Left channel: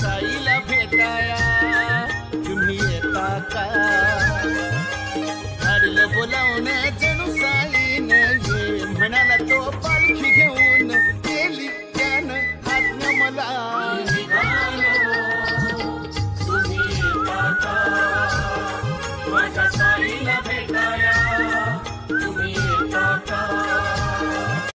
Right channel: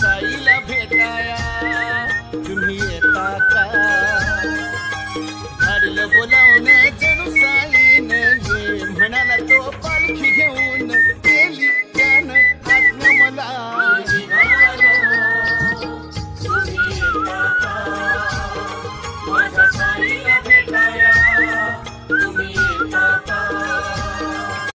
साईला भेटाया तुम्ही येता का? धाडलं बोलावणं जणू साई